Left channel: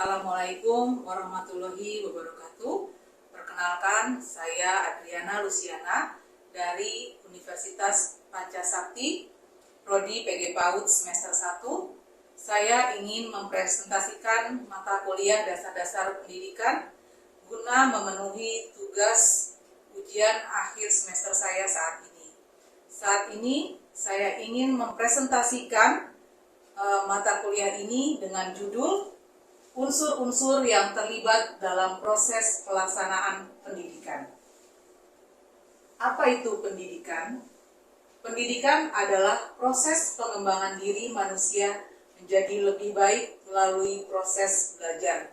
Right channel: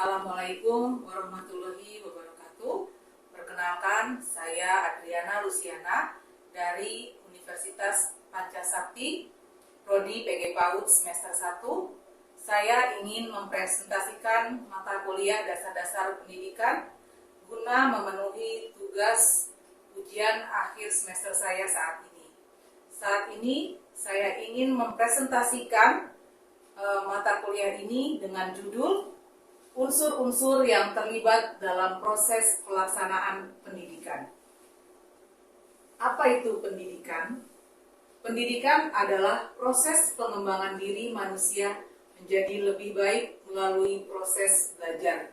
Assalamualaikum warahmatullahi wabarakatuh. Perkenalkan, saya Adriana Luciana dari Universitas Pancasakti, Prodi PG PAUD semester 1. Saya ingin mempresentasikan mata kuliah dasar-dasar pendidikan guna memenuhi tugas ujian akhir semester saya saat ini. Saat ini saya ingin mempresentasikan mata kuliah ini dengan judul unsur-unsur yang terlibat dalam proses pelaksanaan pendidikan. Apa itu pendidikan? Pendidikan adalah proses pengembangan diri manusia menjadi lebih baik melalui proses belajar.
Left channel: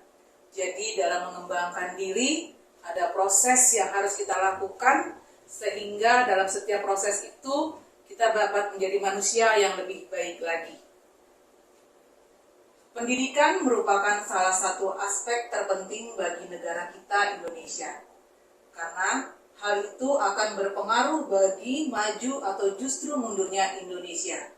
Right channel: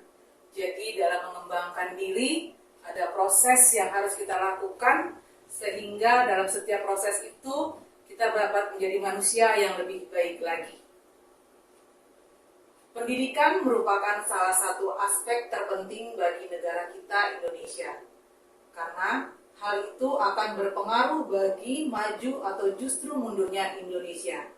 Jadi dalam mengembangkan diri ada proses yang harus kita lakukan sehingga dalam setiap proses itu kita dapat menjadi manusia yang lebih baik lagi. Pendidikan merupakan salah satu aspek terpenting bagi negara kita Indonesia, karena hal itu akan berpengaruh bagi maju atau justru mundurnya Indonesia.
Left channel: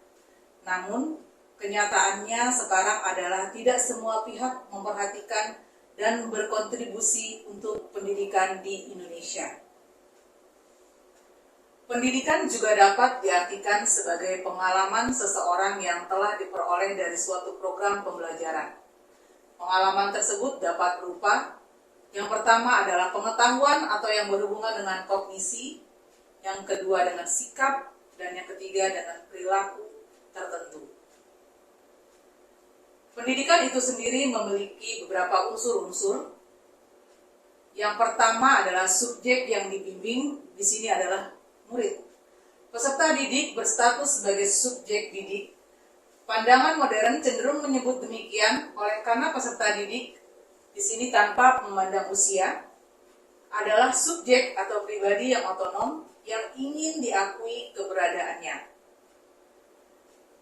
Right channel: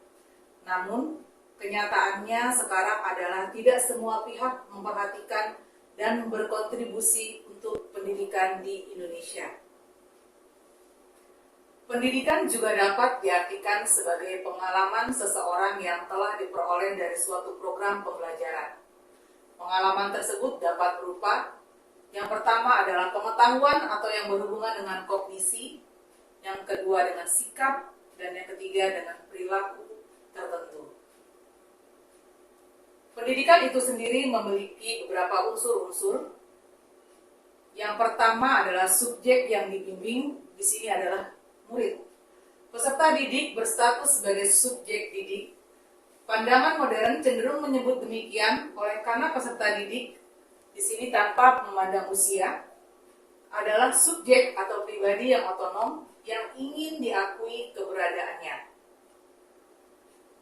Namun, kenyataannya sekarang adalah tidak semua pihak memperhatikan dan berkontribusi untuk pendidikan di Indonesia. Pendidikan juga dapat diartikan sebagai pengalaman seseorang yang telah diperoleh dari suatu program pembelajaran. Pengalaman tersebut dapat berupa, yang pertama adalah pengetahuan atau yang berhubungan dengan kognisi, yang kedua dengan sikap, dan yang ketiga dengan perilaku tertentu. Pendidikan itu sendiri memiliki beberapa unsur-unsur. Yang pertama adalah subjek yang dibimbing, di sini adalah murid. Peserta didik berstatus sebagai subjek didik. Pandangan modern cenderung menyebut demikian oleh karena peserta didik di sini tanpa memandang usia adalah subjek atau pribadi yang otonom yang ingin diakui keberadaannya.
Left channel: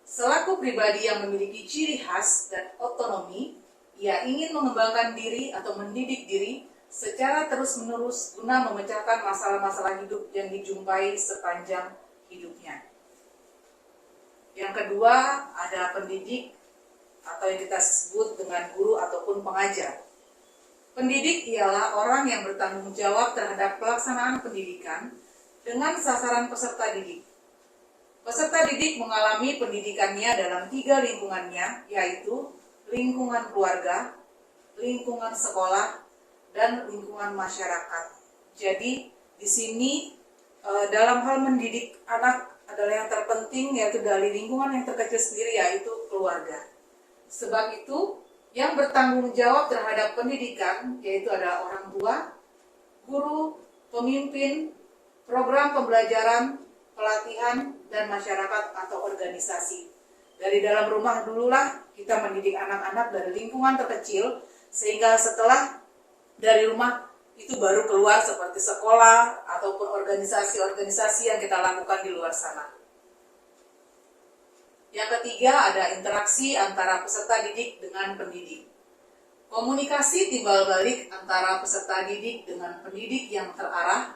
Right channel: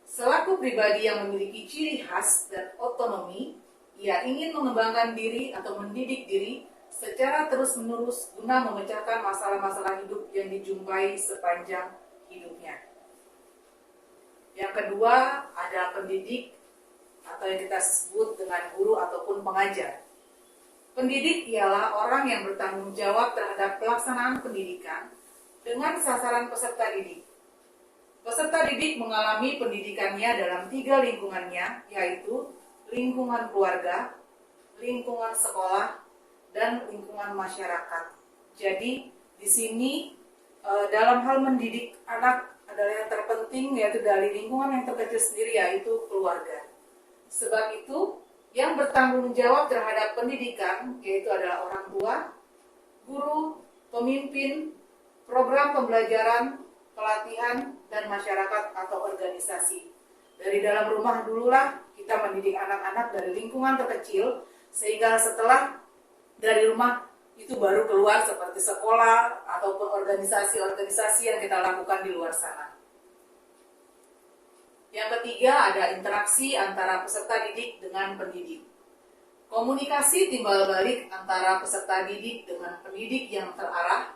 Selaku pribadi yang memiliki ciri khas dan otonomi, ia ingin mengembangkan diri atau mendidik diri secara terus-menerus guna memecahkan masalah-masalah hidup yang dijumpai sepanjang hidupnya. Yang kedua, ada pendidik atau yang kita sebut dengan guru ataupun pengajar. Pendidik ialah orang yang bertanggung jawab terhadap pelaksanaan pendidikan dengan sasaran peserta didik. Peserta didik mengalami pendidikannya dalam 3 lingkungannya, yaitu lingkungan keluarga, lingkungan sekolah, dan lingkungan masyarakat. Jadi di sini dalam hal mendidik anak adalah yang terpenting, yaitu dari lingkungan yang terkecil sendiri, yaitu keluarga. Sebab itu yang bertanggung jawab terhadap pendidikan yaitu adalah orang tua, guru, pemimpin, program pembelajaran, pelatihan, dan masyarakat atau organisasi. Dari dalam rumah dululah kita mendidik anak-anak dari lingkungan terkecil, sehingga setelah dari rumah itu baru keluar seperti sekolah ataupun organisasi-organisasi yang kita lakukan di luar sana. Yang ketiga ada interaksi antara peserta didik dengan pendidik. Komunikasi timbal balik antara peserta didik dengan pendidik yang terarah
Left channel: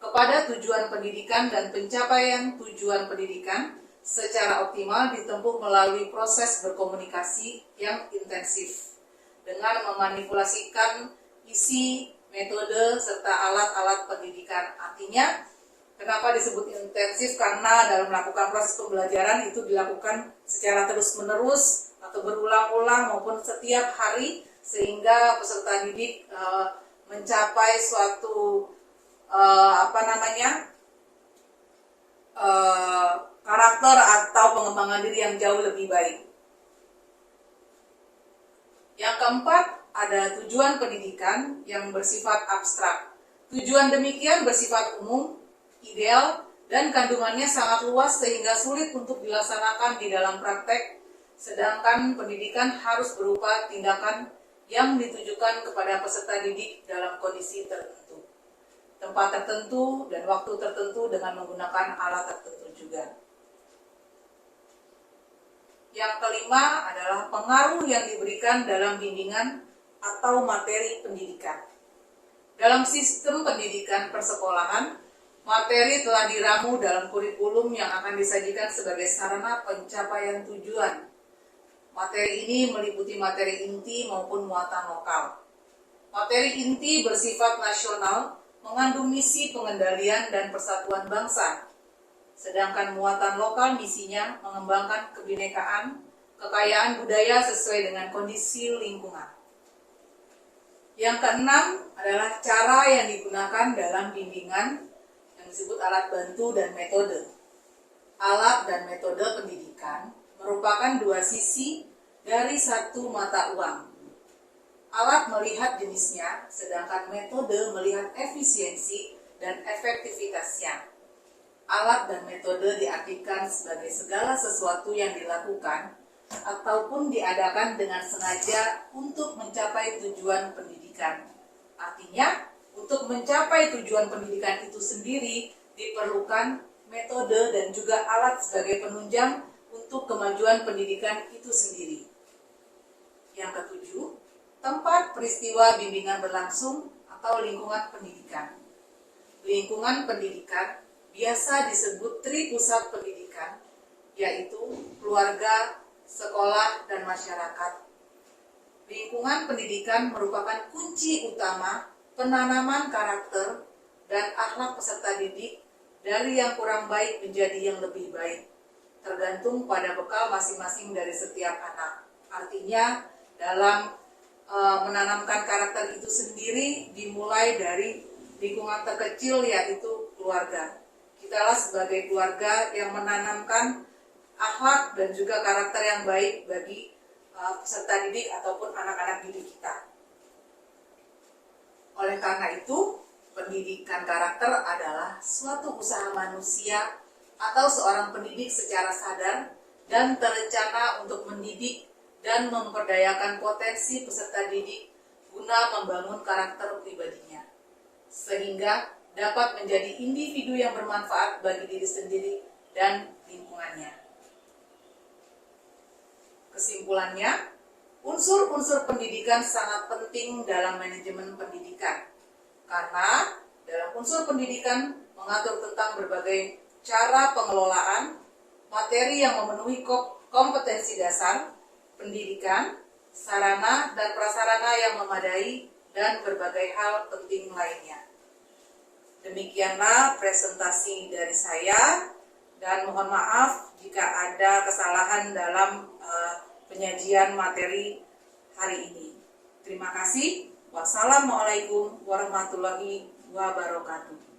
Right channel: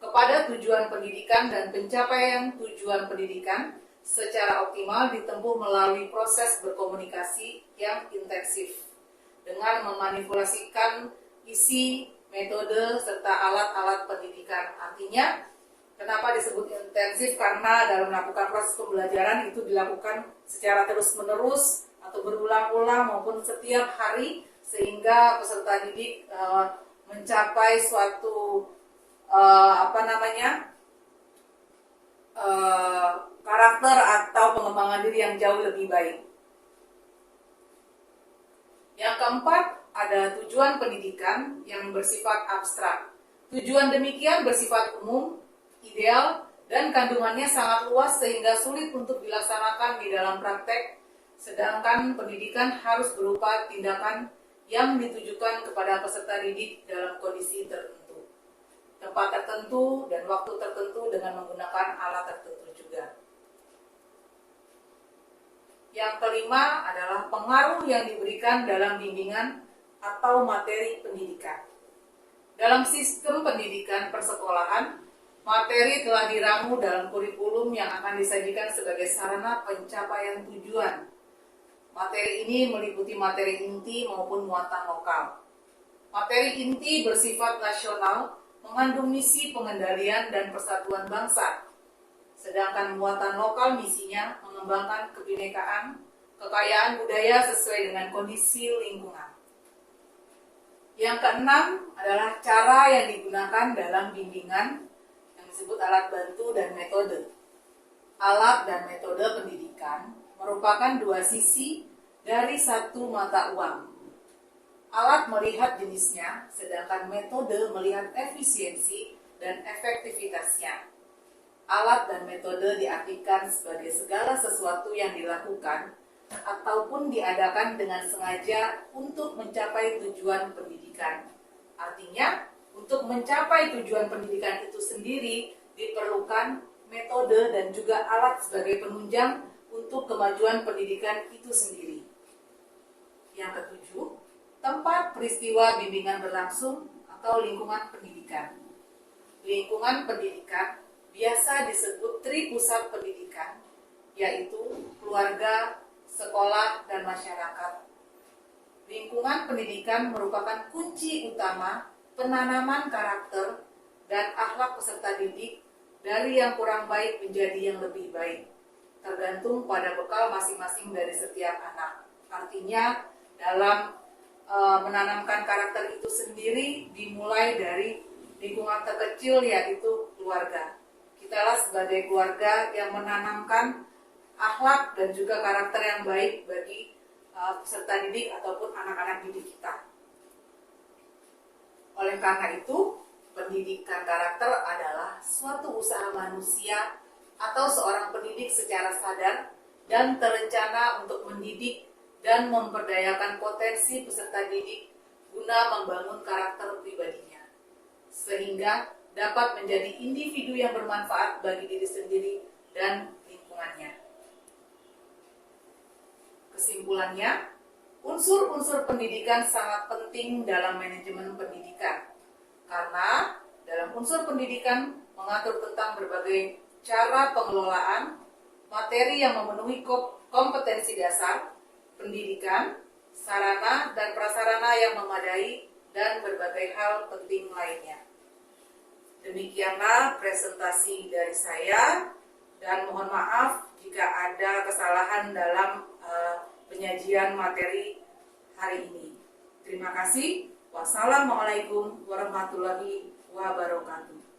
kepada tujuan pendidikan dan pencapaian tujuan pendidikan secara optimal ditempuh melalui proses berkomunikasi yang intensif dengan memanipulasikan isi, metode, serta alat-alat pendidikan. Artinya, kenapa disebut intensif? Karena dalam melakukan proses pembelajaran itu dilakukan secara terus-menerus atau berulang-ulang maupun setiap hari, sehingga peserta didik mencapai suatu karakter atau pengembangan diri yang jauh lebih baik. Yang keempat, ada tujuan pendidikan yang bersifat abstrak. Tujuan demikian bersifat umum, ideal, dan kandungannya sangat luas sehingga sulit untuk dilaksanakan di dalam praktek, sedangkan pendidikan harus berupa tindakan yang ditujukan kepada peserta didik dalam kondisi tertentu, tempat tertentu, dan waktu tertentu dengan menggunakan alat tertentu juga. Yang kelima adalah pengaruh yang diberikan dalam bimbingan atau materi pendidikan. Dalam sistem pendidikan persekolahan, materi telah diramu dalam kurikulum yang akan disajikan sebagai sarana pencapaian tujuan. Materi ini meliputi materi inti maupun muatan lokal. Materi inti bersifat nasional, mengandung misi pengendalian dan persatuan bangsa. Sedangkan muatan lokal misinya mengembangkan kebinekaan, kekayaan budaya sesuai dengan kondisi lingkungan. Yang keenam adalah cara yang digunakan dalam bimbingan yang disebut alat bantu dan metode. Alat dan metode pendidikan merupakan dua sisi dari satu mata uang. Alat melihat jenisnya, sedangkan metode melihat efisiensi dan efektivitasnya. Alat dan metode diartikan sebagai segala sesuatu yang dilakukan ataupun diadakan dengan sengaja untuk mencapai tujuan pendidikan. Artinya, untuk mencapai tujuan pendidikan itu sendiri diperlukan metode dan juga alat sebagai penunjang untuk kemajuan pendidikan itu sendiri. Yang ketujuh, tempat peristiwa bimbingan berlangsung atau lingkungan pendidikan. Lingkungan pendidikan biasa disebut tripusat pendidikan, yaitu keluarga, sekolah, dan masyarakat. Lingkungan pendidikan merupakan kunci utama penanaman karakter dan akhlak peserta didik dari yang kurang baik menjadi yang lebih baik, tergantung pada bekal masing-masing dari setiap anak. Artinya, dalam menanamkan karakter itu sendiri dimulai dari lingkungan terkecil, yaitu keluarga. Kitalah sebagai keluarga yang menanamkan akhlak dan juga karakter yang baik bagi peserta didik ataupun anak-anak didik kita. Oleh karena itu, pendidikan karakter adalah suatu usaha manusia atau seorang pendidik secara sadar dan terencana untuk mendidik dan memperdayakan potensi peserta didik guna membangun karakter pribadinya, sehingga dapat menjadi individu yang bermanfaat bagi diri sendiri dan lingkungannya. Kesimpulannya, unsur-unsur pendidikan sangat penting dalam manajemen pendidikan, karena dalam unsur pendidikan mengatur tentang berbagai cara pengelolaan materi yang memenuhi kompetensi dasar pendidikan, sarana dan prasarana yang memadai, dan berbagai hal penting lainnya. Demikianlah presentasi dari saya, dan mohon maaf jika ada kesalahan dalam penyajian materi hari ini. Terima kasih. Wassalamualaikum warahmatullahi wabarakatuh.